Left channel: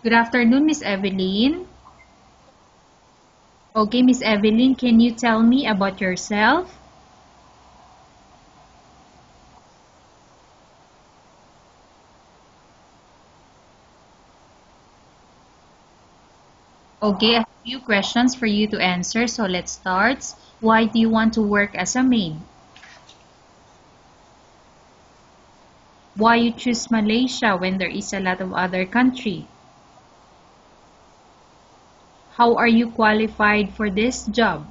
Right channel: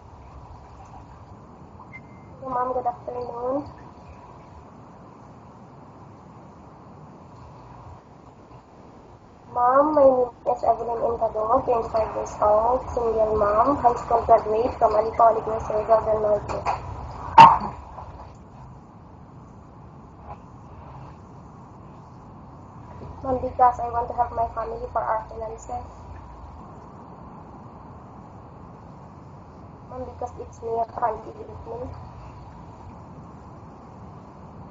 Good afternoon, Miss Evelyn. Hello, ma'am. Good afternoon. Okay, Miss Evelyn, can you tell me about yourself? Ma'am, my name is Evelyn Intado, 25 years old, single mom, high school graduate from Ali College, Reserva del Norte. Okay, a few questions for you to answer, so let's start. Why do you want to work as a maid? Ma'am, because I want to have my family for our finances. Why you choose Malaysia when there is a lot of other country? Ma'am, because it's near country with me. How are you qualified for this job?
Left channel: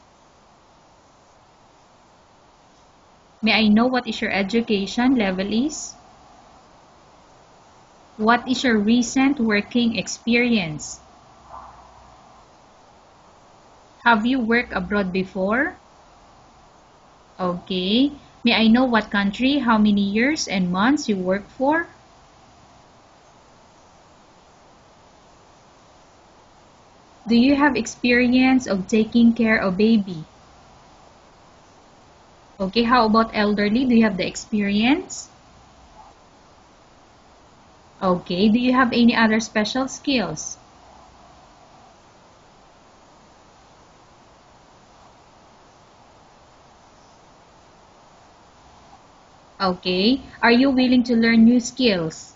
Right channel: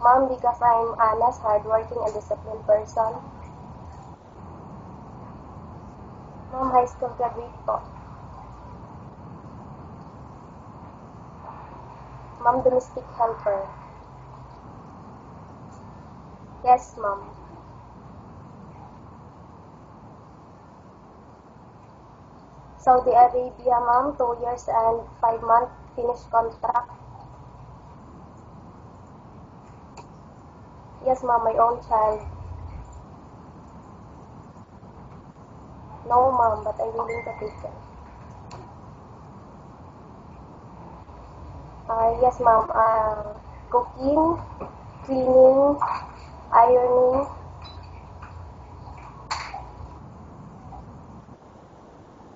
Ma'am, because I'm honest, hardworking, and disciplined person. May I know what is your education level is? Ma'am, high school graduate po. What is your recent working experience? Ma'am, domestic helper. Have you worked abroad before? Yes, ma'am. Okay. May I know what country, how many years and months you work for? Saudi Arabia, ma'am, 2 years and 5 months, finished contract. Do you have experience of taking care of baby? Yes, ma'am, my own child. Okay, how about elderly? Do you have the experience? No, ma'am, but I'm willing to take it. Okay, do you have any other special skills? Yes, ma'am. Cooking, cleaning, ironing. Okay, are you willing to learn new skills?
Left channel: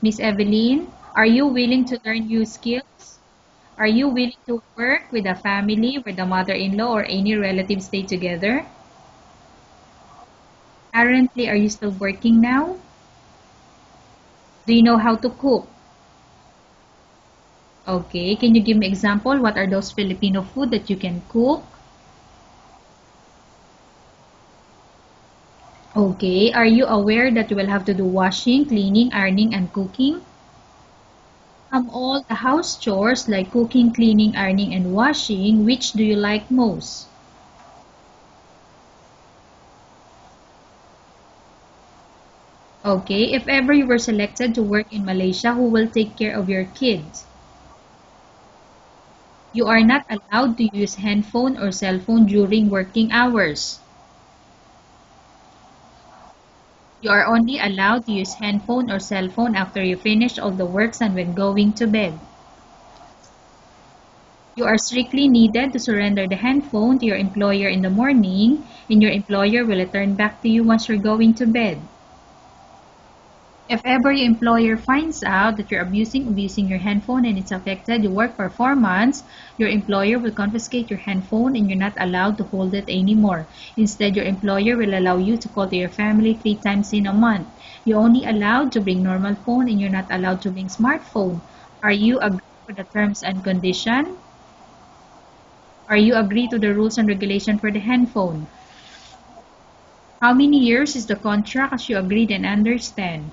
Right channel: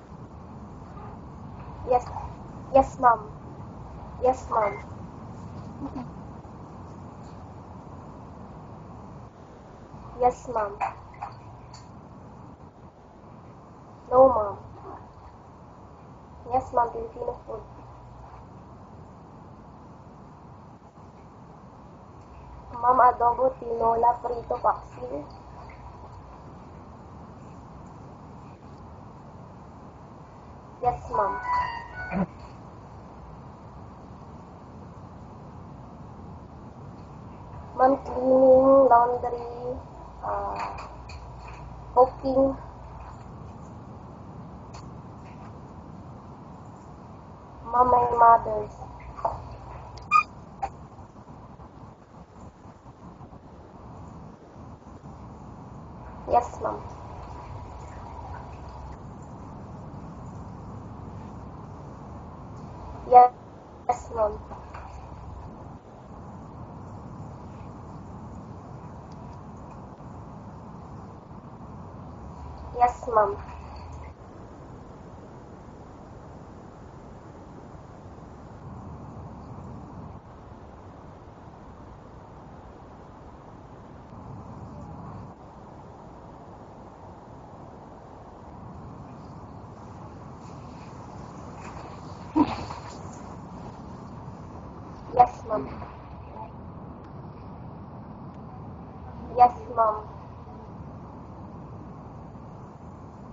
Miss Evelyn, are you willing to Yes, learn new yes, skills? ma'am. Are you willing Yes, to ma'am. work with a family where the mother-in-law or any relatives stay together? Yes, ma'am. Currently, are you still working now? No, ma'am. Do you know how to cook? Yes, ma'am. Filipino food. Okay, can you give me example? What are those Filipino food that you can cook? Ma'am, adobo, tinola, prito, paksiw. Okay, are you aware that you will have to do washing, cleaning, ironing, and cooking? Yes, ma'am. All the house chores like cooking, cleaning, ironing, and washing, which do you like most? Ma'am, cleaning, laundry, uh, cooking. Okay, if ever you were selected to work in Malaysia, who will take care of your kids? Ma'am, my mother's. You are not allowed to use handphone or cell phone during working hours. Yes, ma'am. You are only allowed to use handphone or cell phone after you finish all the works and when going to bed. Yes, ma'am. You are strictly needed to surrender the handphone to your employer in the morning, and your employer will return back to you once you're going to bed. Yes, ma'am. If ever your employer finds out that you're abusing your handphone and it's affected your work performance, your employer will confiscate your handphone and you're not allowed to hold it anymore. Instead, your employer will allow you to call to your family 3 times in a month. You're only allowed to bring normal phone and you're not allowed to bring smartphone. Are you agree for the terms and condition? Yes, ma'am. Are you agree to the rules and regulation for the handphone? Yes, ma'am. How many years is the contract as you agreed and understand?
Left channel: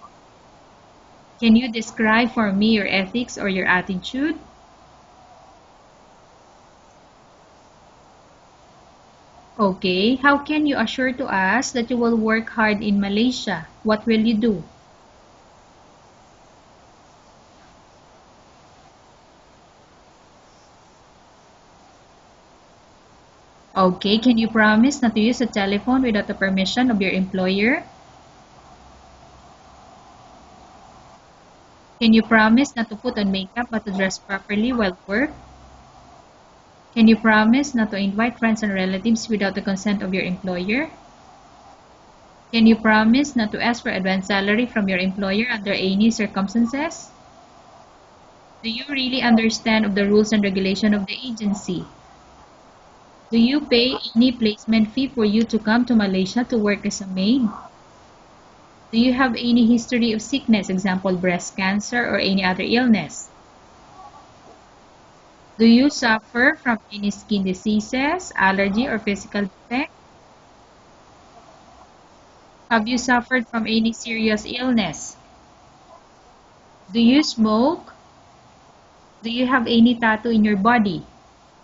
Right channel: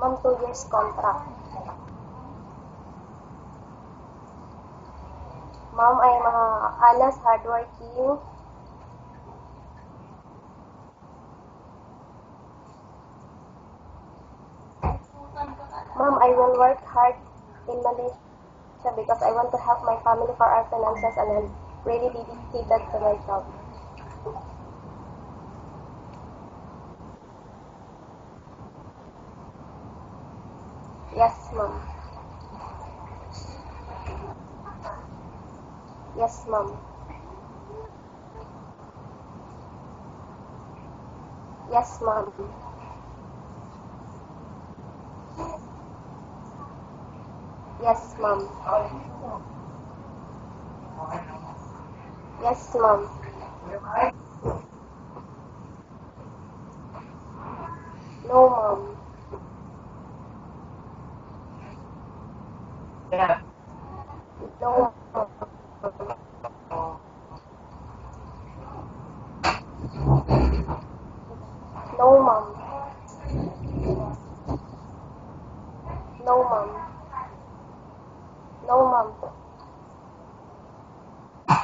Ma'am, 2 years contract. Can you describe for me your ethics or your attitude? Ma'am, I'm honest, hardworking. Okay, how can you assure to us that you will work hard in Malaysia? What will you do? Ma'am, I will work hard in Malaysia because I want to help my family for our finances and I'm really dedicated to my job. Okay, can you promise not to use a telephone without the permission of your employer? Yes, ma'am. Can you promise not to put on makeup but to dress properly while work? Yes, ma'am. Can you promise not to invite friends and relatives without the consent of your employer? Yes, ma'am. Can you promise not to ask for advance salary from your employer under any circumstances? Yes, ma'am. Do you really understand of the rules and regulation of the agency? Yes, ma'am. Do you pay any placement fee for you to come to Malaysia to work as a maid? No, ma'am. Do you have any history of sickness, example breast cancer or any other illness? No, ma'am. Do you suffer from any skin diseases, allergy or physical defect? No, ma'am. Have you suffered from any serious illness? No, ma'am. Do you smoke? No, ma'am. Do you have any tattoo in your body?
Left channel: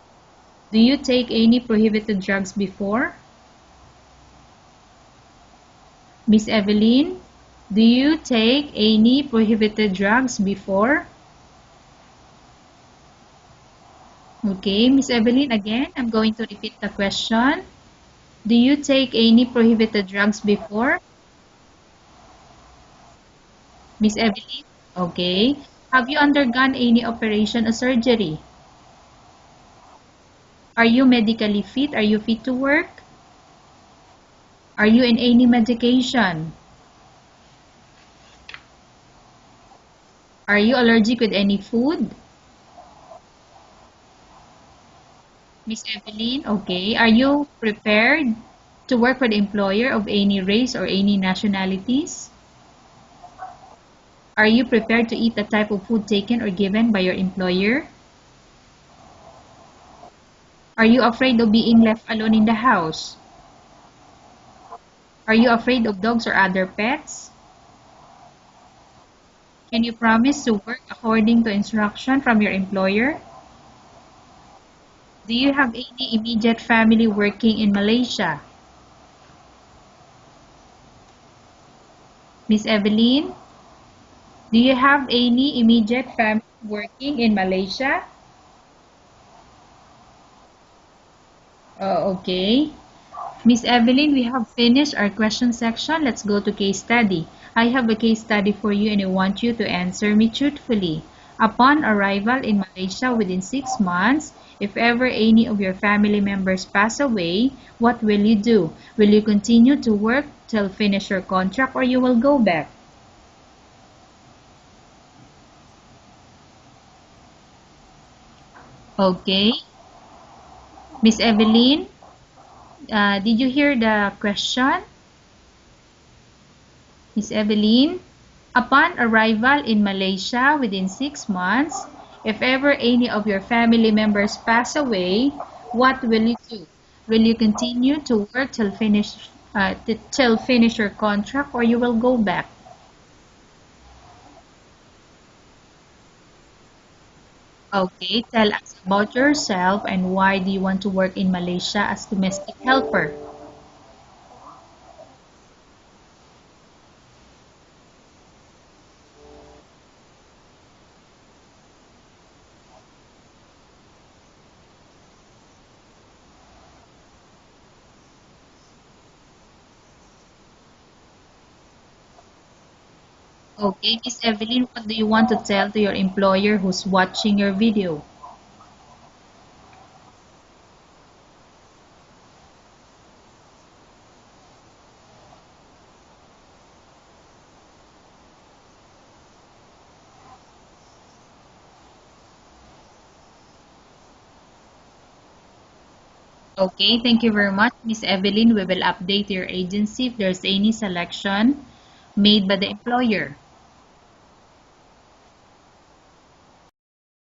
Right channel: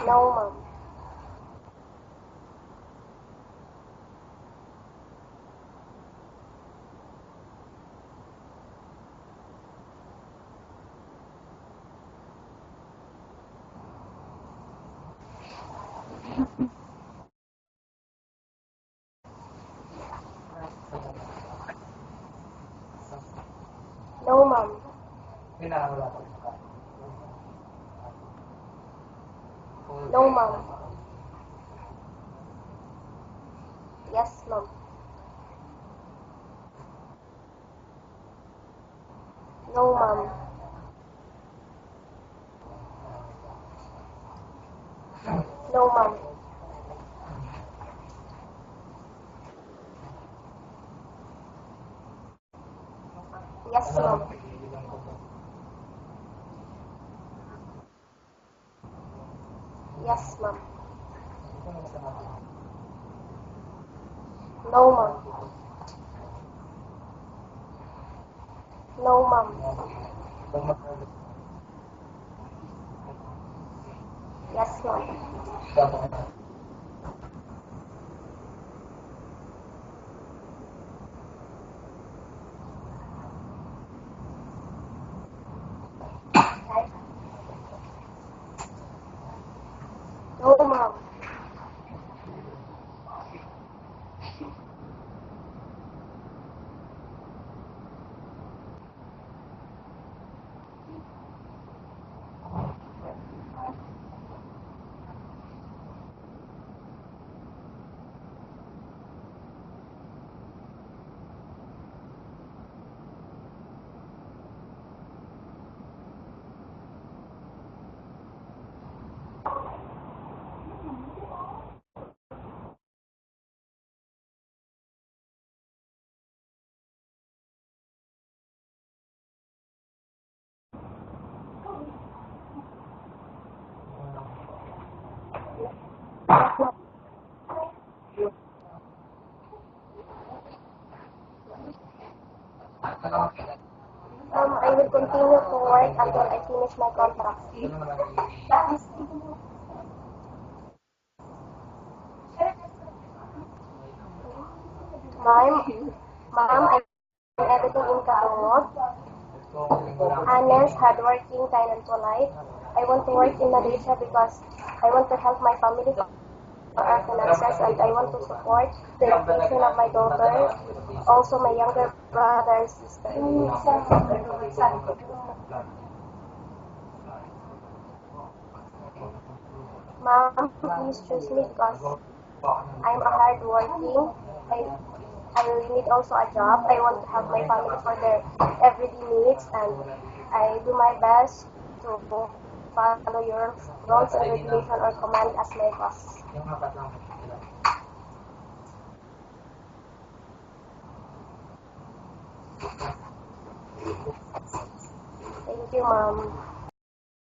No, ma'am. Do you take any prohibited drugs before? Miss Evelyn, do you take any prohibited drugs before? Okay, Miss Evelyn, again, I'm going to repeat the question. Do you take any prohibited drugs before? Miss No, Evelyn? ma'am. Okay. Have you undergone any operation or surgery? No, ma'am. Are you medically fit? Are you fit to work? Yes, ma'am. Are you in any medication? No, ma'am. Are you allergic with any food? Miss No, ma'am. Evelyn, okay. Are you prepared to work for the employer of any race or any nationalities? Yes, ma'am. Are you prepared to eat the type of food taken or given by your employer? Yes, ma'am. Are you afraid of being left alone in the house? No, ma'am. Are you afraid of dogs or other pets? No, ma'am. Can you promise to work according to instruction from your employer? Yes, ma'am. Do you have any immediate family working in Malaysia? Miss Evelyn, do you have any immediate family working in Malaysia? No, ma'am. Okay. Miss Evelyn, we have finished our question section. Let's go to case study. I have a case study for you and I want you to answer me truthfully. Upon arrival in Malaysia within 6 months, if ever any of your family members pass away, what will you do? Will you continue to work till finish your contract or you will go back? Okay. Miss Evelyn, did you hear the question? Miss Evelyn, upon arrival in Malaysia within 6 months, if ever any of your family members pass away, what will you Yes, do? ma'am. Will you continue to work till finish your contract or you will go back? I will continue to work until I finish my contract. Okay, tell us about yourself and why do you want to work in Malaysia as domestic helper? Ma'am, I'm everything in Katumog. Honest, hardworking, kind, and polite. I want to work in Malaysia because I want to help my family for our finances and I want to support the education of my daughter, also my younger brother and sister. Okay, Miss Evelyn, what do you want to tell to your employer who's watching your video? Mom, please choose me because I'm a hardworking. I, I need also a job. I want to help my family for their everyday needs and I do my best to follow your rules and regulation or command as my boss. Okay, thank you very much, Miss Evelyn. We will update your agency if there's any selection made by the employer. Thank you, Mom.